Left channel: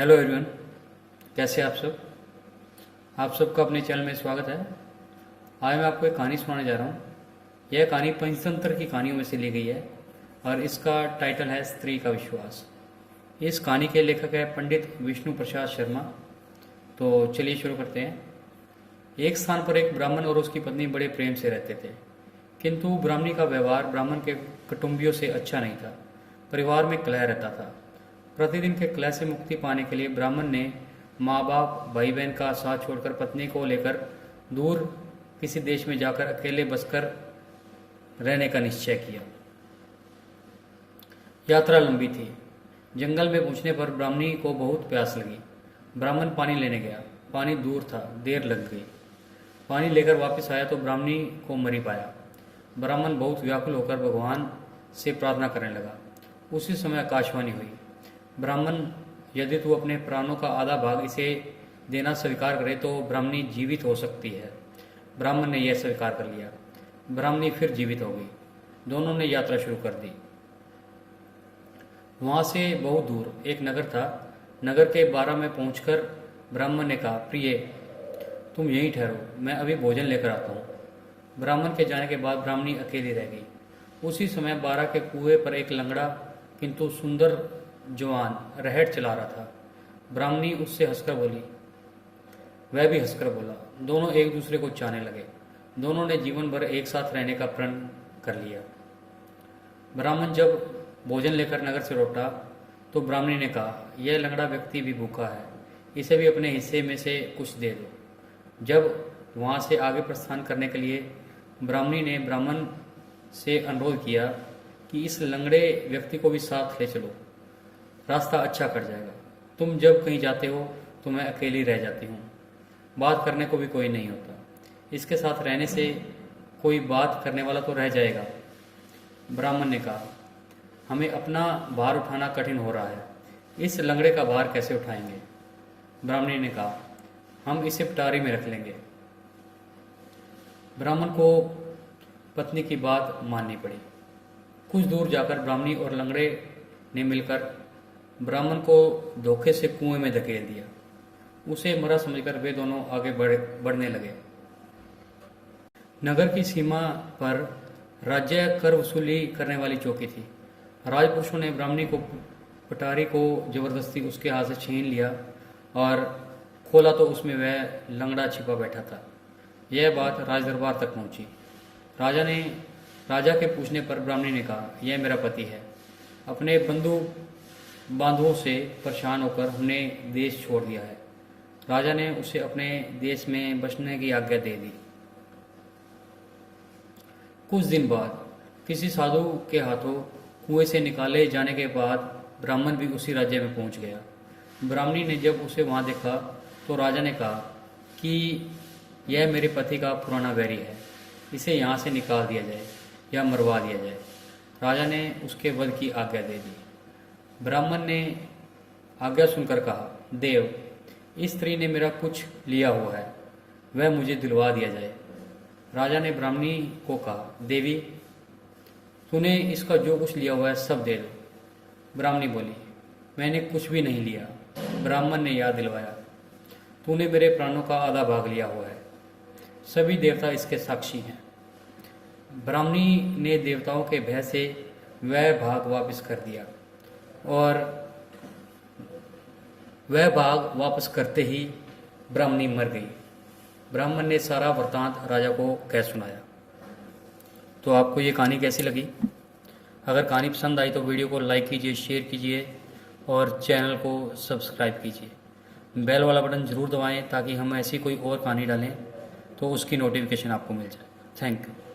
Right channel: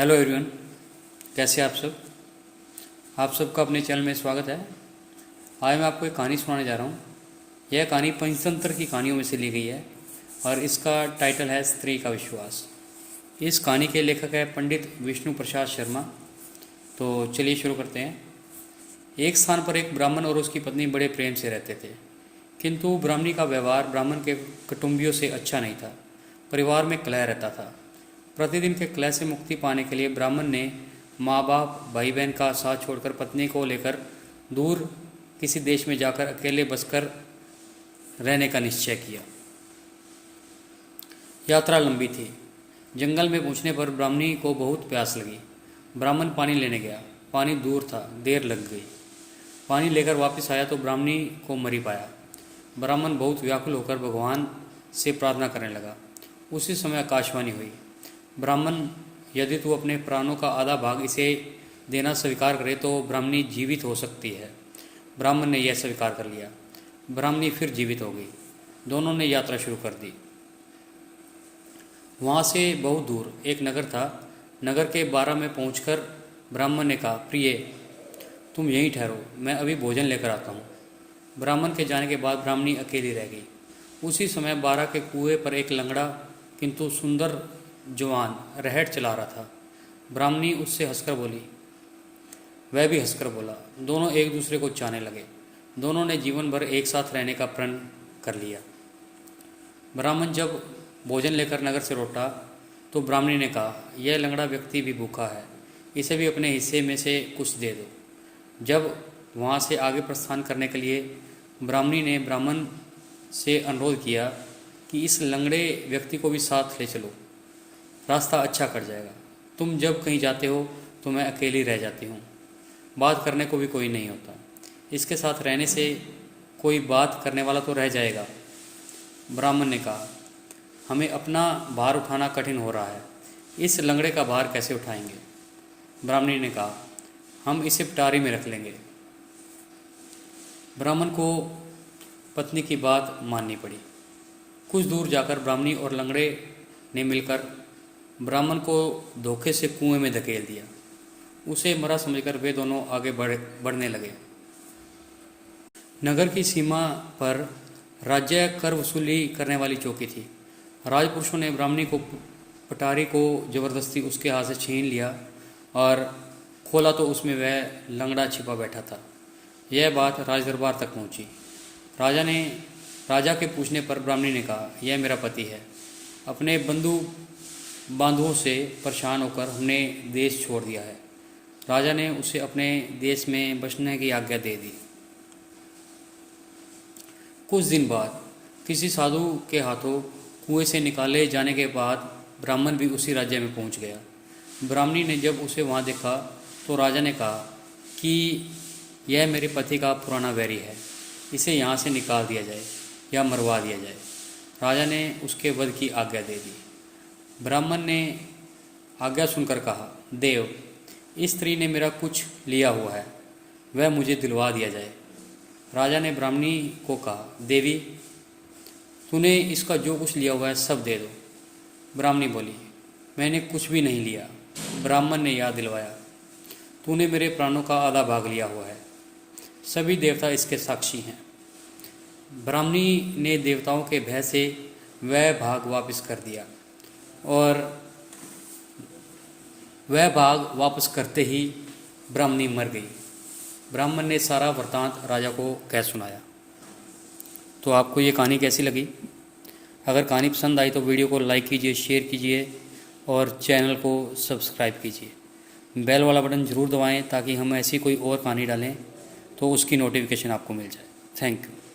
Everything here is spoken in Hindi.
हेलो एवरीवन, कैसे आप सब। आप सबका अपने चैनल में स्वागत है। आज मैं आपको एक कहानी सुनाने जा रहा हूँ। यह कहानी पंचतंत्र की कहानियों में से ली गई है और इसका टाइटल है स्त्री का विश्वास। इस कहानी के लेखक है पंडित विष्णु प्रसाद शर्मा। तो चलिए शुरू करते हैं। एक स्थान पर एक ब्राह्मण और उसकी पत्नी बड़े प्रेम से रहते थे, किंतु ब्राह्मणी का व्यवहार ब्राह्मण के कुटुंबियों से अच्छा नहीं था। परिवार में कलह रहता था। प्रतिदिन के कलह से मुक्ति पाने के लिए ब्राह्मण ने माँ बाप भाई बहन का साथ छोड़कर पत्नी को लेकर दूर किसी देश में जाकर अकेले बसकर रहने का निश्चय किया। यात्रा लंबी थी। जंगल में पहुंचने पर ब्राह्मणी को बहुत प्यास लगी। ब्राह्मण पानी लेने गया। पानी दूर था, देर लग गई। पानी लेकर वापस आया तो ब्राह्मणी को मरी पाया। ब्राह्मण बहुत व्याकुल होकर भगवान से प्रार्थना करने लगा। उसी समय आकाशवाणी हुई, ब्राह्मण, यदि तू अपने प्राणों का आधा भाग इसे देना स्वीकार करे तो ब्राह्मणी जीवित हो सकती है। ब्राह्मण ने यह स्वीकार कर लिया। ब्राह्मणी फिर जीवित हो गई। दोनों ने यात्रा शुरू कर दी। वहाँ से बहुत दूर एक नगर था। नगर के 12 में पहुंचकर ब्राह्मण ने कहा, प्रिय, तुम यहीं ठहरो, मैं अभी भोजन लेकर आता हूँ। ब्राह्मण के जाने के बाद ब्राह्मणी अकेली रह गई। उसी समय 12 के कुएं पर एक लंगड़ा किंतु सुंदर जवान रहट चला रहा था। ब्राह्मणी उससे हंसकर बोली, वह भी हंसकर बोला। दोनों एक दूसरे को चाहने लगे। दोनों ने जीवन भर एक साथ रहने का प्रण कर लिया। ब्राह्मण जब भोजन लेकर नगर से लौटा तो ब्राह्मणी ने कहा, यह लंगड़ा व्यक्ति भी भूखा है, इसे भी अपने हिस्से में से कुछ दे दो। जब वहाँ से आगे प्रस्थान करने के लिए ब्राह्मणी ने ब्राह्मण से अनुरोध किया कि इस लंगड़े व्यक्ति को भी साथ ले चलो, रास्ता अच्छा कट जाएगा। तुम जब कहीं जाते हो तो मैं अकेली रह जाती हूँ, बात करने को भी कोई नहीं होता। इसके साथ रहने से कोई बात करने वाला तो रह जाएगा। ब्राह्मण ने कहा, हमें अपना भार उठाना कठिन हो रहा है, इस लंगड़े का भार कैसे उठाएंगे। ब्राह्मणी ने कहा, हम इसे पटारी में रख लेंगे। ब्राह्मण को पत्नी की बात माननी पड़ी। कुछ दूर जाकर ब्राह्मणी और लंगड़े ने मिलकर ब्राह्मण को धोखे से कुएं में धकेल दिया। उसे मरा समझकर वे दोनों आगे बढ़ने लगे। नगर की सीमा पर राज्य कर वसूली करने वाली चौकी थी। राजपुरुषों ने ब्राह्मणी को पटारी को जबरदस्ती उसके हाथ से छीन लिया और खोला तो उसमें वह लंगड़ा छिपा बैठा था। यह बात राजदरबार तक पहुंची। राजा के पूछने पर ब्राह्मणी ने कहा, यह मेरा पति है। अपने बांधुओं से परेशान होकर हमने देश छोड़ दिया है। राजा ने उसे अपने देश में बसने की आज्ञा दे दी। कुछ दिन बाद किसी साधु के हाथों कुएं से निकाले जाने के बाद ब्राह्मण भी उसी राज्य में पहुंच गया। ब्राह्मणी ने जब उसे वहां देखा तो राजा ने कहा कि यह मेरे पति का पुराना वैरी है, इसे यहाँ से निकाल दिया जाए या मरवा दिया जाए। राजा ने उसके वध की आज्ञा दे दी। ब्राह्मण ने आज्ञा सुनकर कहा, देव, इस स्त्री ने मेरा कुछ लिया हुआ है, वह मुझे दिलवा दिया जाए। राजा ने ब्राह्मणी को कहा, देवी, तूने इसका जो कुछ लिया हुआ है सब दे दो। ब्राह्मणी बोली, मैंने कुछ भी नहीं लिया। ब्राह्मण ने याद दिलवाया, तूने मेरे प्राणों का आधा भाग लिया हुआ है, सभी देवता इसके साक्षी हैं। ब्राह्मणी ने देवताओं के भय से वह भाग वापस कर दिया और वह भाग वापस करते ही ब्राह्मणी मर गई। ब्राह्मण ने सारा वृतांत राजा को कह सुनाया। तो आपको ये कहानी कैसी लगी? अगर कहानी पसंद आई तो वीडियो को लाइक कीजिए, शेयर कीजिए और चैनल को सब्सक्राइब कीजिए। बेल वाला बटन ज़रूर दबाएं ताकि हम ऐसी कोई और कहानी डालें तो उसकी नोटिफिकेशन आपको मिल जाए। Thank you.